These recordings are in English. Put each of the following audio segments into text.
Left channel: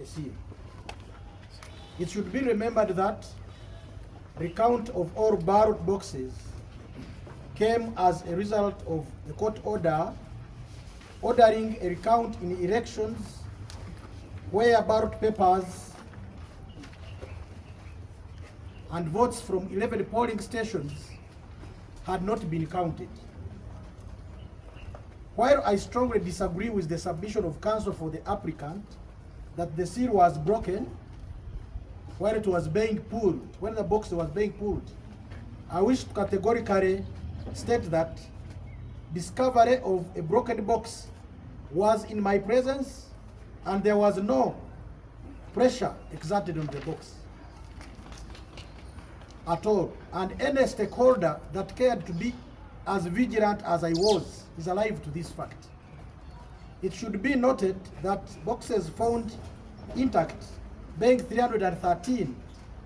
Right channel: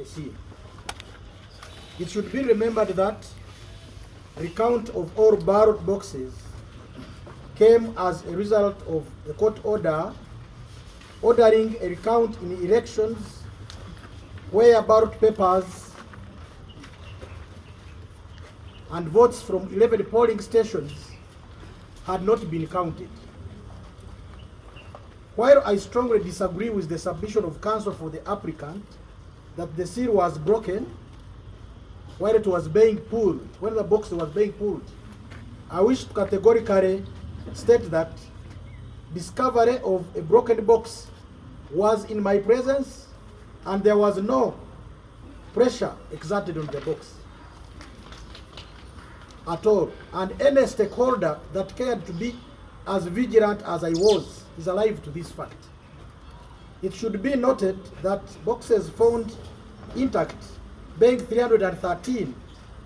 a seal. It should be remembered that recount of all ballot boxes came as a result of a court order ordering a recount in elections where ballot papers and votes from 11 polling stations had not been counted. While I strongly disagree with the submission of counsel for the applicant that the seal was broken when it was being pulled, when the box was being pulled, I wish to categorically state that discovery of a broken box was in my presence and there was no pressure exerted on the box at all. And any stakeholder that cared to be as vigilant as I was is alive to this fact. It should be noted that boxes found intact, being 313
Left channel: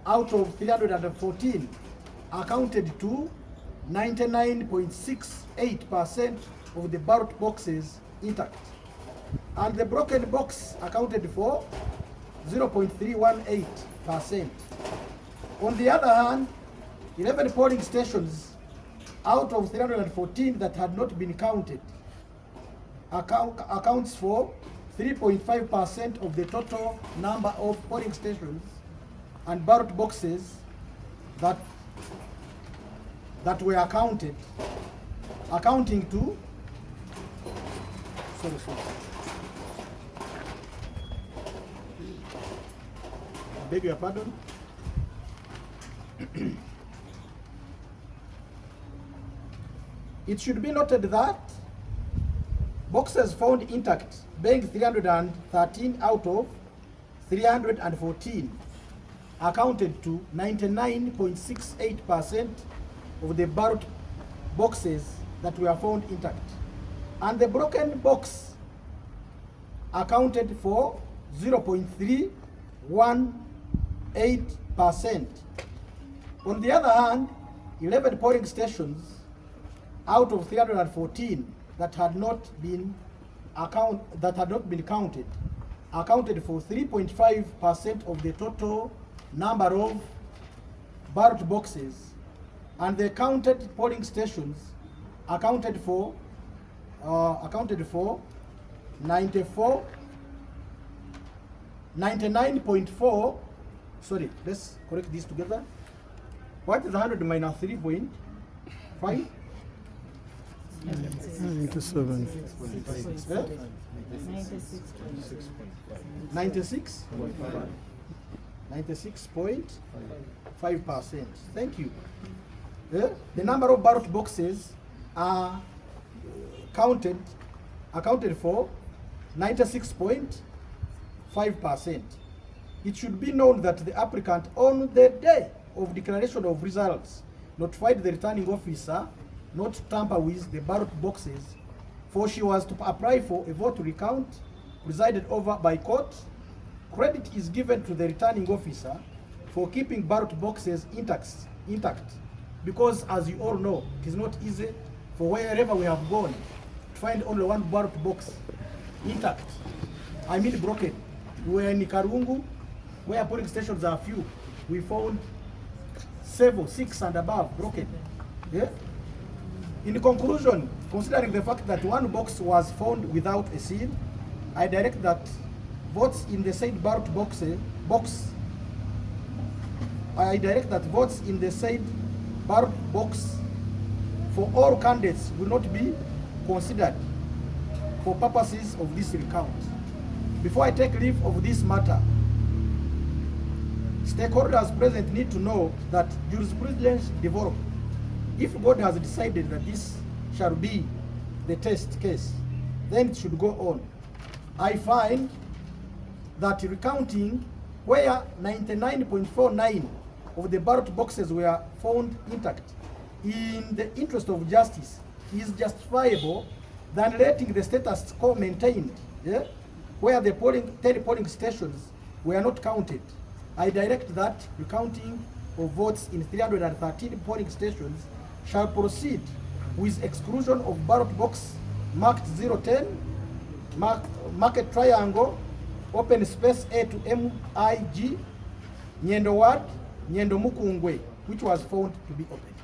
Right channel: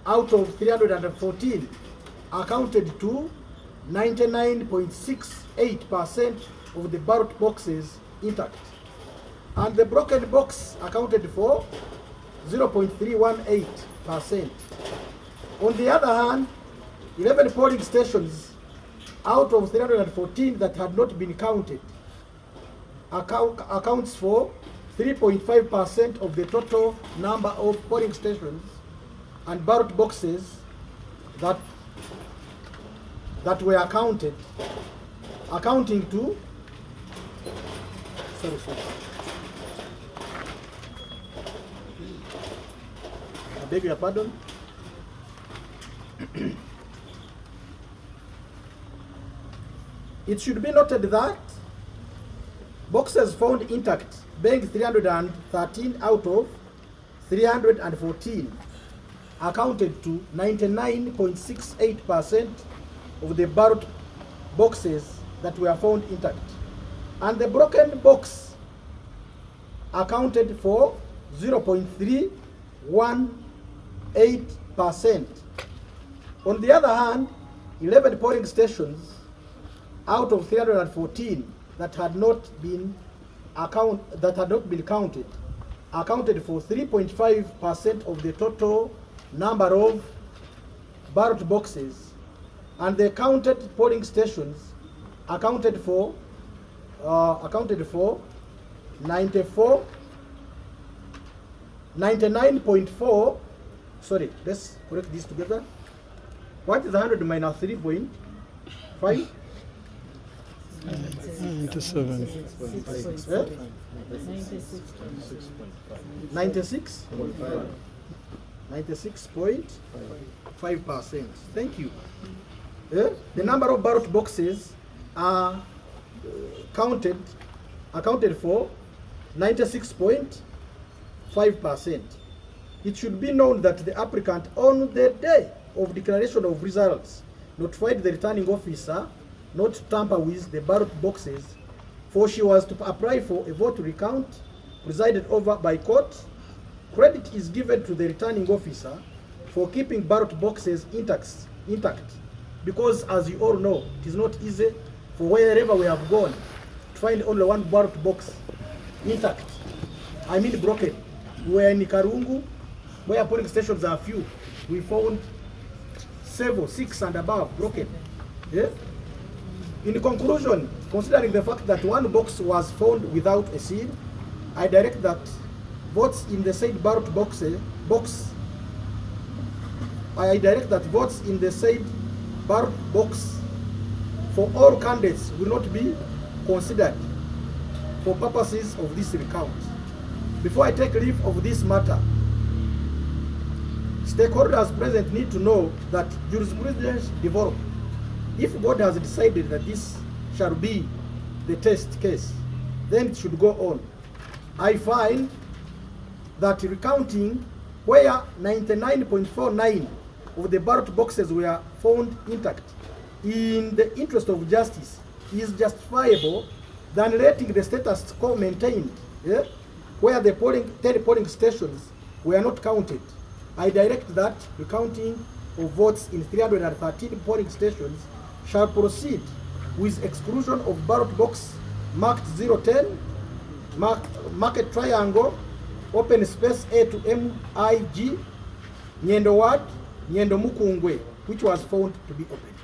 out of 314, accounted to 99.68% of the ballot boxes intact. And the broken box accounted for 0.318%. On the other hand, 11 polling stations out of 314 that had not been counted accounts for 3.5% of the total number of polling stations and ballot boxes that were counted, accounting to I beg your pardon. It should be noted that boxes found intact, being 313 out of 314, accounted to 99.68% of the ballot boxes that were found intact. And the broken box accounted for 0.318%. On the other hand, 11 polling stations out of 314 that had not been counted accounted for 3.5% of the total number of ballot boxes, and the counted polling stations accounted for 99.4. Sorry, let's correct this together. What is 100 minus 3.5? 97. 96.5%. Thank you. The number of ballot boxes are accounted for 96.5%. It should be known that the applicant on the day of declaration of results notified the returning officer not to tamper with the ballot boxes, for she was to apply for a vote recount presided over by court. Credit is given to the returning officer for keeping ballot boxes intact, because as you all know, it is not easy for wherever we have gone to find only one ballot box intact. I mean broken. We were in Karungu, where polling stations are few. We found several, 6 and above broken. Yeah? In conclusion, considering the fact that one box was found without a seal, I direct that votes in the said ballot box for all candidates will not be considered for purposes of this recount. Before I take leave of this matter, stakeholders present need to know that jurisprudence developed. If God has decided that this shall be the test case, then it should go on. I find that recounting where 99.49 of the ballot boxes were found intact in the interest of justice is justifiable than letting the status quo maintained, yeah, where the 10 polling stations were not counted. I direct that recounting of votes in 313 polling stations shall proceed with exclusion of ballot box marked 010, marked triangle, open space A to MIG, Nyendo Ward, Nyendo Mukungwe, which was found to be open.